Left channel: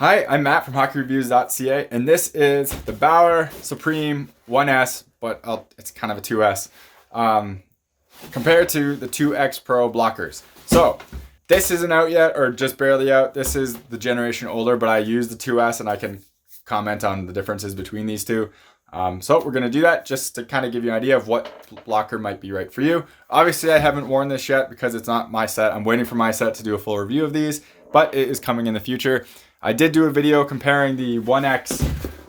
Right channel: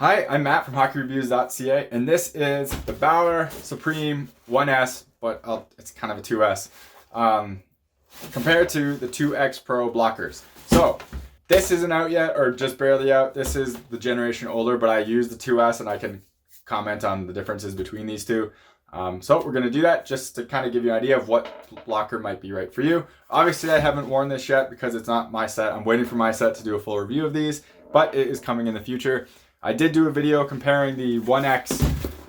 Hi, I'm Matt from HockeyReviews.ca, and this is the Bauer Supreme 1S, but it's kind of a 2S, um, compared to the 2X Pro blockers. So, this isn't out yet, or just barely out. This is the generation older, but I use the 2S, and I can comment on the differences between these two. So we're going to do that just to kind of give you an idea of what blocker might be right for you. Obviously, I haven't worn this yet because it's not my set. I'm waiting for my set to do a full review of these, but it is coming in the future. I did do a video comparing the 1X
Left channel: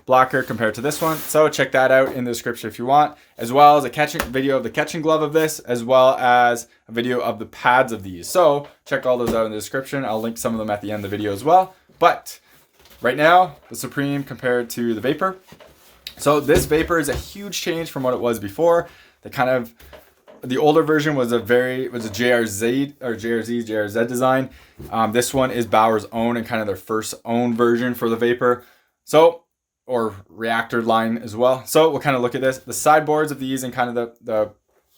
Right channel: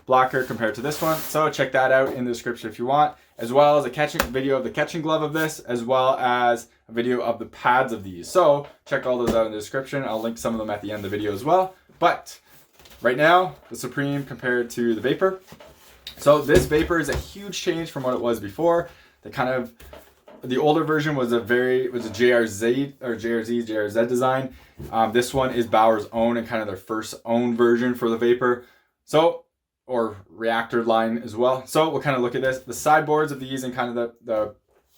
blocker compared to this one, so check that out in the description if you want, as well as a video of the catching glove of this, as well as a video of the pads of these. So check all those out in the description. I'll link some of them at the end of the video as well. But right now, the Supreme compared to the Vapor. So this Vapor is a huge change from what it was before. The older version was a JRZ design. This one is Bauer's own and kind of their first own version for the Vapor. Or reactor line as well. So we'll kind of look at this. The sideboards of these and kind of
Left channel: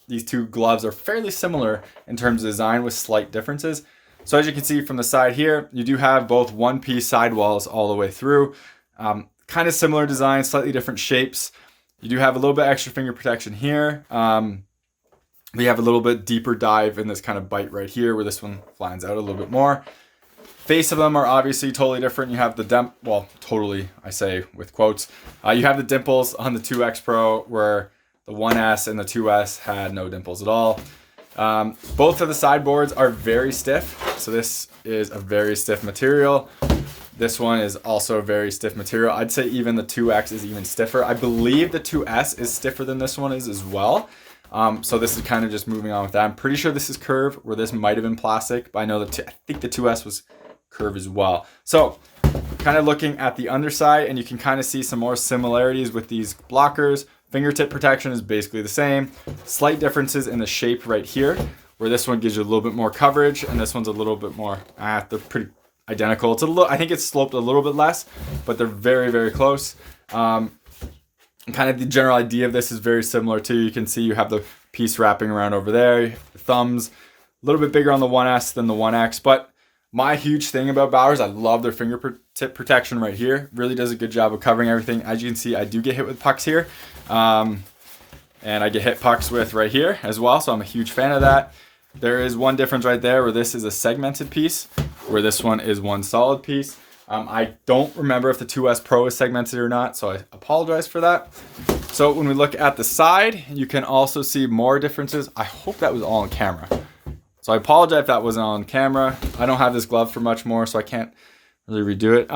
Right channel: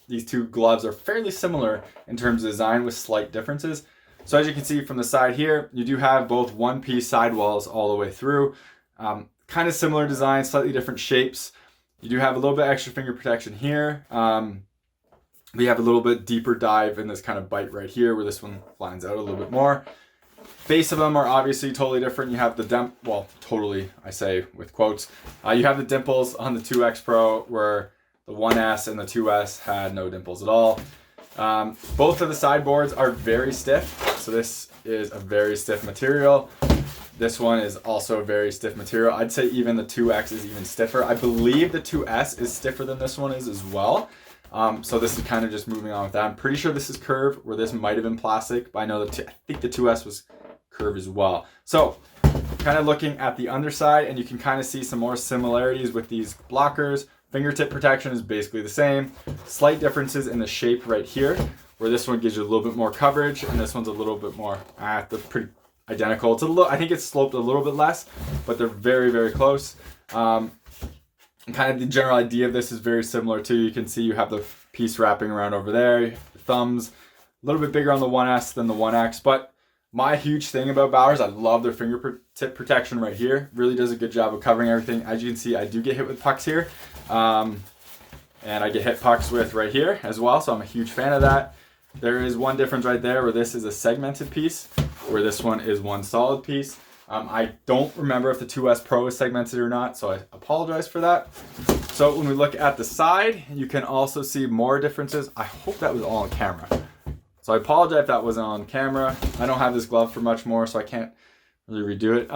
these two gloves are fairly similar in terms of design with slight differences. So as you can see from the side here, you do have both one-piece sidewalls all the way through. Kind of similar design, slightly different shapes. You do have a little bit extra finger protection here. We have a little bit deeper dive in this kind of bite right here where this one lines out a little bit more. Face of them are obviously totally different. You have totally, I say with quotes. You have the dimples on the 2X Pro where the 1S and the 2S had no dimples at all. Both of the sideboards are very stiff. So this is a very stiff material. This one is also a very stiff material. I'd say even the 2X is even stiffer. I believe the 2S is stiffer than this one is as well. So this is kind of just moving on with that. I'm pretty sure this is curve, where this might have been plastic, but I know I think the 2S was curve as well. So kind of looking at the underside, and you can kind of see some more similarities with these blockers. Fingertip protection is basically the same. Slight differences in the shape right here, where this one gives you a little bit more coverage, and this one's a little bit more, they're pretty identical. I think it's sloped a little bit less, but they're very, very close. Kind of the general idea of this is very similar too. You can see you have the piece wrapping around over there. The thumbs a little bit bigger on the 1S than the 1X, but my huge thing about Bauer's, I love their fingertip protection right here. Really does a good job of covering everything. As you can see, I do get hit with pucks here, and I get hit pucks with right here as well, so I'm a huge fan of that. There is one difference right there where this is a segmented piece, where this one is one solid piece. I don't remember if the 2S Pro is segmented or not, so I apologize for that. So when we look at the side, you can also see more differences. I hope that was all on camera. So I apologize if that wasn't on camera. I don't have this glove for much more, so I can't really redo it.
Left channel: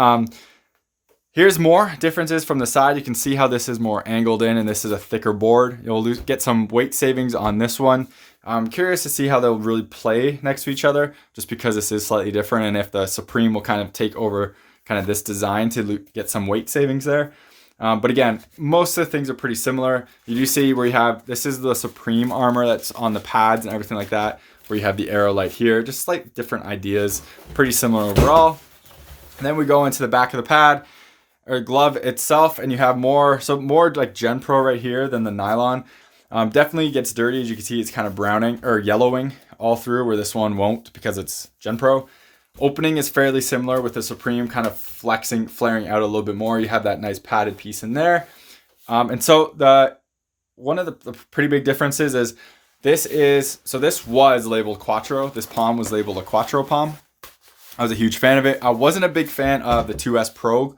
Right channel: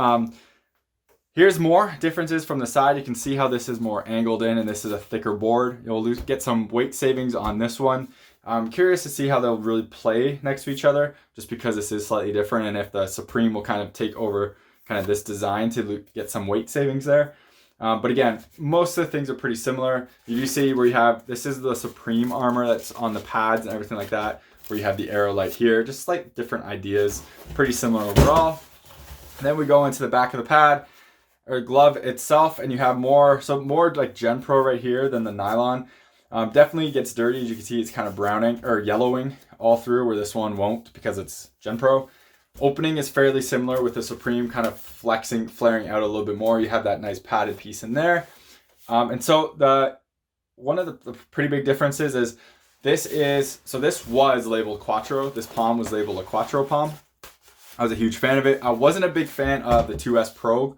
Here's more differences from the side. You can see how this is more angled in, and this is a thicker board. You'll get some weight savings on this one. I'm curious to see how they'll really play next to each other, just because this is slightly different, and if the Supreme will kind of take over kind of this design to get some weight savings there. But again, most of the things are pretty similar. You do see where you have, this is the Supreme armor that's on the pads and everything like that, where you have the arrow light here, just like different ideas, pretty similar overall. And then we go into the back of the pad or glove itself, and you have more like Gen Pro right here than the nylon. Definitely gets dirty. As you can see, it's kind of browning or yellowing all through, where this one won't because it's Gen Pro. Opening is fairly similar, with the Supreme kind of flaring out a little bit more. You have that nice padded piece in there. And so one of the pretty big differences is this was labeled Quattro. This palm was labeled a Quattro palm. I was a huge fan of it. I wasn't a big fan of the 2S Pro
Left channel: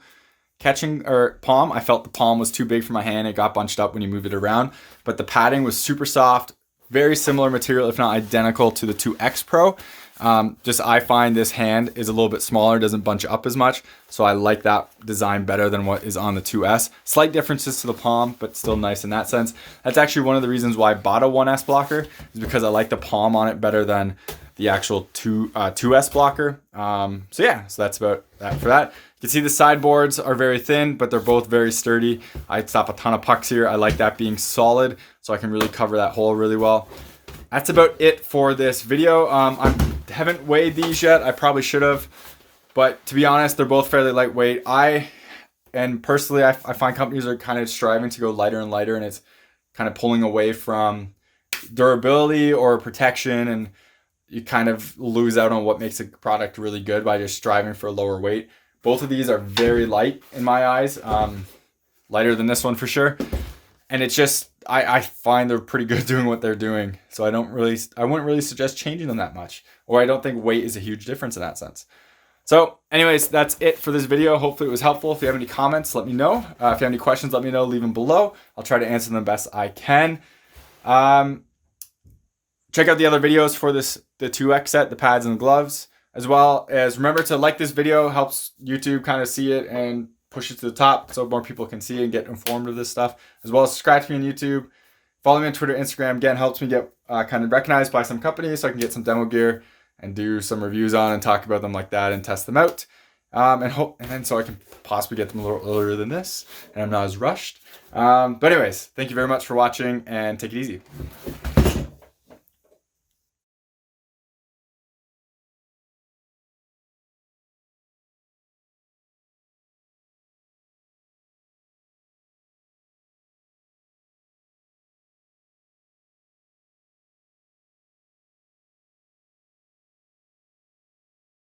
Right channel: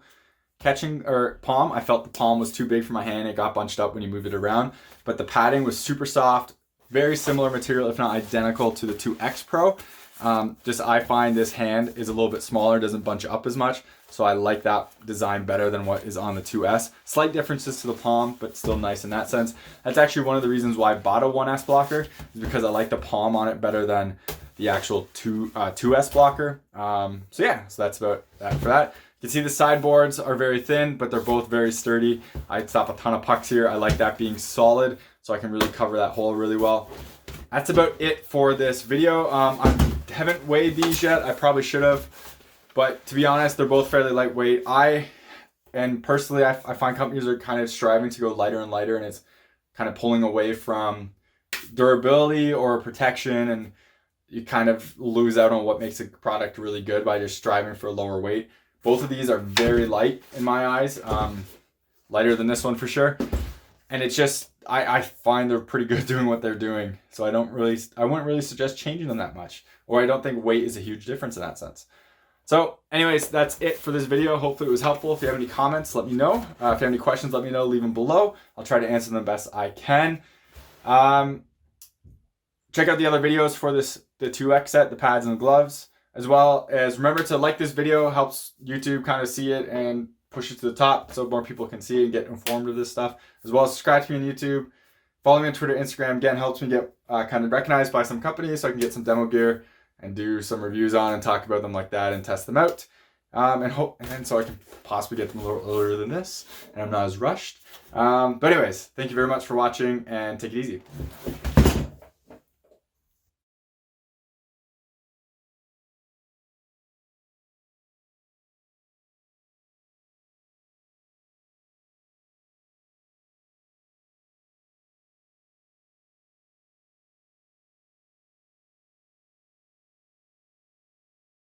catching or palm. I felt the palm was too big for my hand. It got bunched up when you moved it around, but the padding was super soft, very similar material, if not identical to the 2X Pro. I find this hand is a little bit smaller, doesn't bunch up as much, so I like that design better than what is on the 2S. Slight differences to the palm, but still nice in that sense. That's actually one of the reasons why I bought a 1S blocker, is because I like the palm on it better than the actual 2S blocker. So that's about that for that. You can see the sideboards are very thin, but they're both very sturdy. I stop a ton of pucks here. I like that being solid, so I can really cover that hole really well. That's about it for this video. I haven't weighed these yet. I probably should have, but to be honest, they're both fairly lightweight. Personally, I find companies are kind of striving to go lighter and lighter, and it's kind of pulling away from durability or protection, and you kind of lose out on what makes a product really good by just striving for a lower weight. Both of these are very light in my eyes, lighter than this one for sure. And it's just, I find they're pretty good doing what they're doing. So I wouldn't really suggest changing them that much. Or I don't think weight is a huge difference in that sense. So anyways, that's it for this video. Hopefully it was helpful. If you have any comments, let me know. If you have any questions, let me know, leave them below. I'll try to answer them the best I can. Check out the other videos for the 2X set, the pads and the gloves, as well as remember to like this video. Helps YouTube kind of see it and push it to the top so more people can see it and get informed of this stuff, as well as subscribe to me on YouTube. Follow me on Twitter, Instagram. Again, helps me get kind of recognized by some companies so I can get some demo gear and do some reviews on and talk about them like that and test them out. And then so I can possibly get them a little earlier than this and I'm not as rushed. But anyways, thank you very much for watching and take it easy.